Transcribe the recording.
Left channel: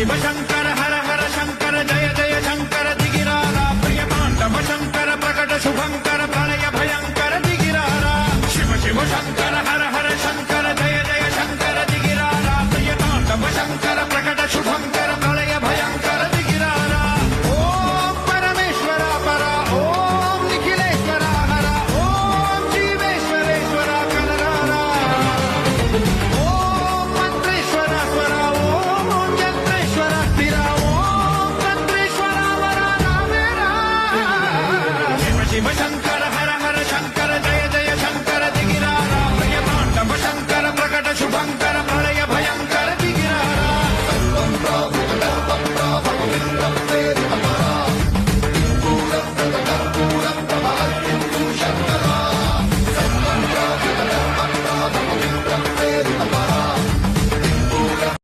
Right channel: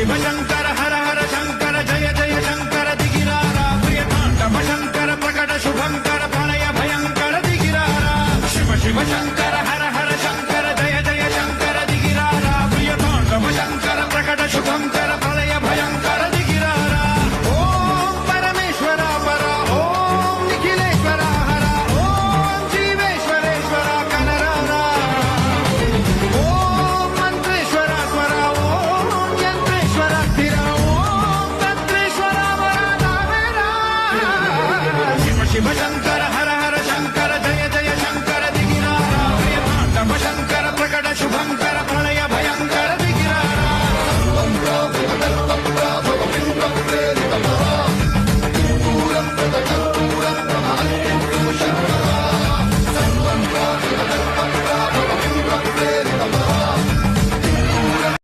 शिव शंकर हर हर शंकर जय जय शंकर दिगिरारा प्रिय तांडव शंकर प्रकट शुभंकर प्रणय भयंकर दिगिरारा शिव शिव शंकर